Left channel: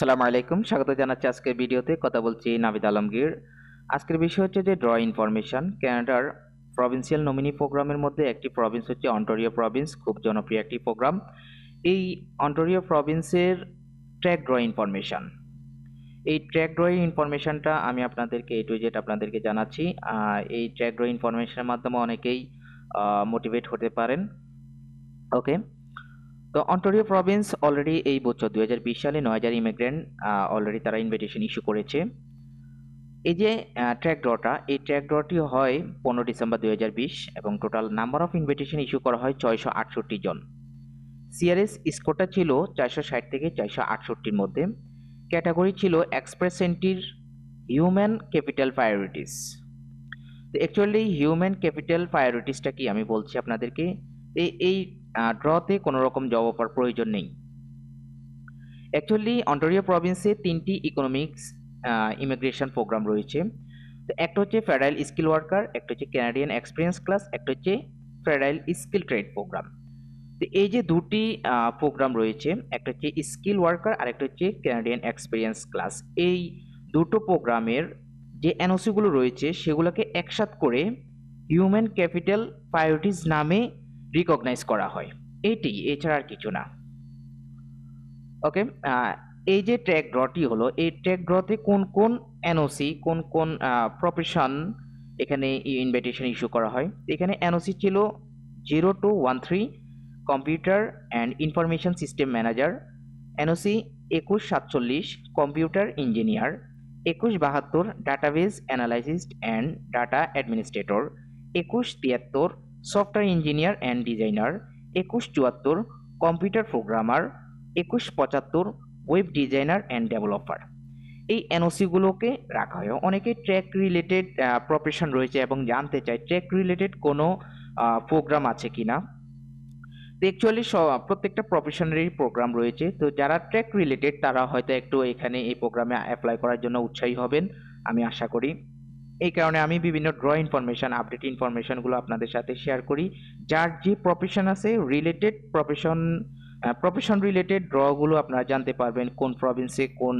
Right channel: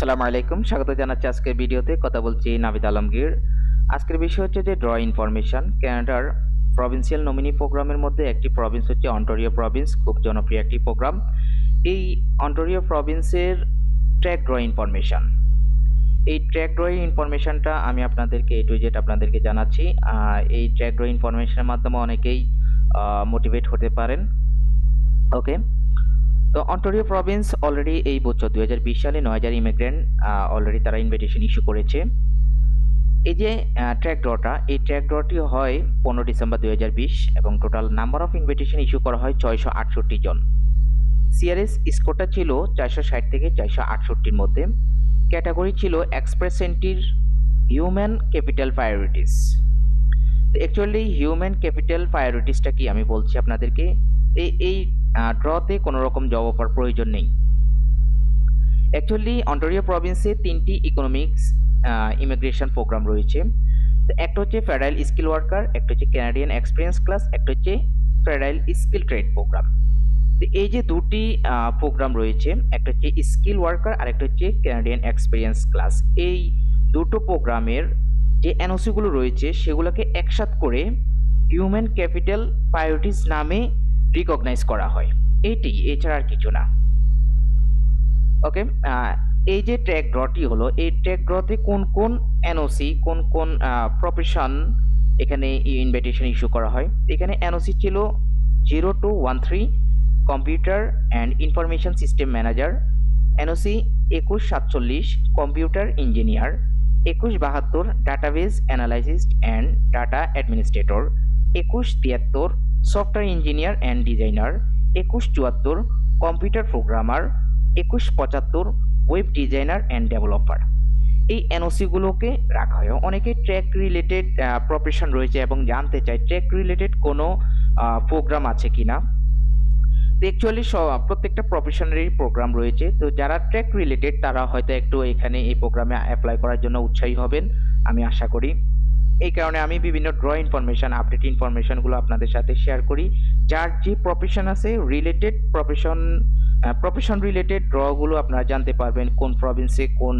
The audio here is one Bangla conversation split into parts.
আসসালামু আলাইকুম, স্বাগত জানাচ্ছি আজকের ভিডিওতে। কথা বলছি নাভিদ আলমগীর। আজকের বিষয় হচ্ছে যে ড্র ইনফরমেশন। কানাডার প্রভিন্সিয়াল নমিনি প্রোগ্রামের মধ্যে একটি প্রভিন্স হচ্ছে অন্টারিও প্রভিন্স, খুব জনপ্রিয় একটি প্রোগ্রাম। এই অন্টারিও প্রভিন্সের ট্র্যাক ড্র ইনফরমেশন, এই ট্র্যাক ড্র ইনফরমেশনটা আমি আপনাদেরকে A to Z আপনাদেরকে জানাচ্ছি। এই ট্র্যাক ড্র ইনফরমেশনের মাধ্যমে অনেকেই মোটিভেট হতে পারেন। ওকে, তো অন্টারিও প্রভিন্স অলরেডি এই বছর 2020 সালে 9000 ইমিগ্রেন্ট অলরেডি তারা ইনভিটেশন ইস্যু করেছে। এই যে ট্র্যাক ড্রটা, এই ট্র্যাক ড্রটি হয় 15 ডিসেম্বর 2020 এবং total number of invitation issue করা হয় 668 জন। সিআরএস স্কোরটা ছিল 460 থেকে 468-র মধ্যে। ক্যাটাগরি ছিল এক্সপ্রেস এন্ট্রির হিউম্যান ক্যাপিটাল প্রায়োরিটিস। তো অ্যাকচুয়ালি হিউম্যান ক্যাপিটাল প্রায়োরিটিসটা কি আমি বলছি আপনাদেরকে। এই ড্রতে কোনো রকম জব অফার প্রয়োজন নেই। অ্যাকচুয়ালি অন্টারিও প্রভিন্সে 3টি ইকোনমিক্স ইমিগ্রেশন প্রোগ্রাম রয়েছে। তো একটা হচ্ছে ফেডারেল স্কিল ওয়ার্কার, একটা হচ্ছে ক্যানাডিয়ান এক্সপিরিয়েন্স ক্লাস, একটা হচ্ছে ফেডারেল স্কিল ট্রেড প্রোগ্রাম। তো এই যে দুটি প্রোগ্রাম রয়েছে, একটা হচ্ছে স্কিল ওয়ার্কার আর একটা হচ্ছে ক্যানাডিয়ান এক্সপিরিয়েন্স ক্লাস। এই দুটো প্রোগ্রামের যে এনওসিগুলো রয়েছে সেগুলোকে একসাথ করে হিউম্যান ক্যাপিটাল প্রায়োরিটিস নামে রিকগনাইজ করা হয়। এইটি, এছাড়া আর কিছু না। ওকে, এই যে ট্র্যাক ড্রটি হলো, এই ট্র্যাক ড্রতে কোন কোন এনওসি, কোন কোন প্রফেশন এখানে ইনভিটেশন ইস্যু করা হয়। এখানে এনওসি ছিল 0213 computer and information system manager, NOC 2147 computer engineer, 2172 database analyst and data administrator, 2173 software engineer and designer, 2174 computer programmer, 2175 web designer and developer. এই এনওসিগুলোকে রাখা হয়। অনেকে ট্র্যাক রিলেটেড প্রফেশন রয়েছে এবং জানতে চায় ট্র্যাক রিলেটেড কোনো প্রোগ্রাম আছে কিনা। তো অ্যাকচুয়ালি প্রত্যেকটা প্রফেশনেরই প্রোগ্রাম রয়েছে। তো যারা ট্র্যাক রিলেটেড তারা হয়তো একটু এখানে এই প্রোগ্রামে অ্যাপ্লাই করার জন্য উৎসাহী হবেন, আমি আশা করি। এই কারণে আমি বিভিন্ন ড্র ইনফরমেশন, আপডেট ইনফরমেশনগুলো আপনাদের সাথে শেয়ার করি। যার যে প্রফেশন আছে রিলেটেড প্রফেশন রিলেটেড ড্রগুলো আপনারা জানতে পারবেন কোন প্রভিন্সে কোন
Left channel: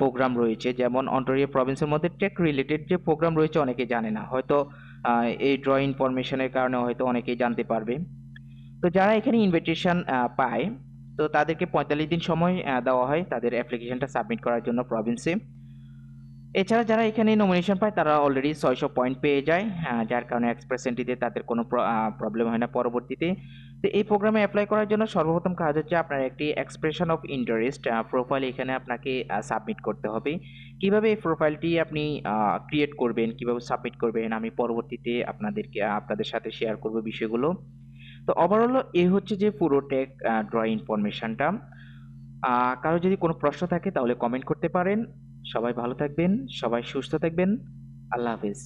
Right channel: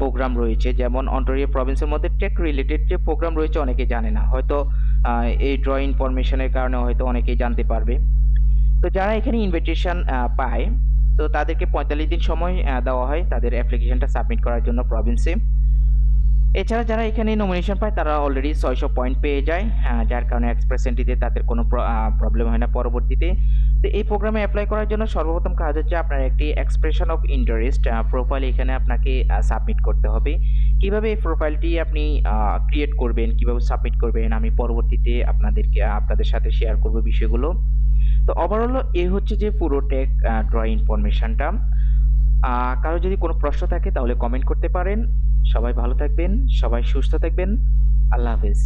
প্রোগ্রাম রয়েছে। যেমন অন্টারিও প্রভিন্সের মধ্যে টেক রিলেটেড যে প্রোগ্রাম রয়েছে অনেকে জানে না, হয়তো এই ড্র ইনফরমেশনের কারণে হয়তো অনেকেই জানতে পারবে। তো যারা এখানে ইনভিটেশন পায়, তো তাদেরকে 45 দিন সময় দেওয়া হয় তাদের অ্যাপ্লিকেশনটা সাবমিট করার জন্য প্রভিন্সে। এছাড়া যারা এখানে নমিনেশন পায় তারা অলরেডি 600 পয়েন্ট পেয়ে যায়, যার কারণে এক্সপ্রেস এন্ট্রিতে তাদের কোনো প্রবলেম হয় না পরবর্তীতে। তো এই প্রোগ্রামে অ্যাপ্লাই করার জন্য সর্বপ্রথম কাজ হচ্ছে আপনার একটি এক্সপ্রেশন অফ ইন্টারেস্ট প্রোফাইল এখানে আপনাকে সাবমিট করতে হবে। কিভাবে এই প্রোফাইলটি আপনি ক্রিয়েট করবেন, কিভাবে সাবমিট করবেন, আমি পরবর্তীতে আপনাদের সাথে শেয়ার করব বিষয়গুলো। তো ওভারঅল এই হচ্ছে যে পুরো টেক ড্র ইনফরমেশনটা। কারো যদি কোনো প্রশ্ন থাকে তাহলে কমেন্ট করতে পারেন। সবাই ভালো থাকবেন, সবাই সুস্থ থাকবেন। আল্লাহ হাফেজ।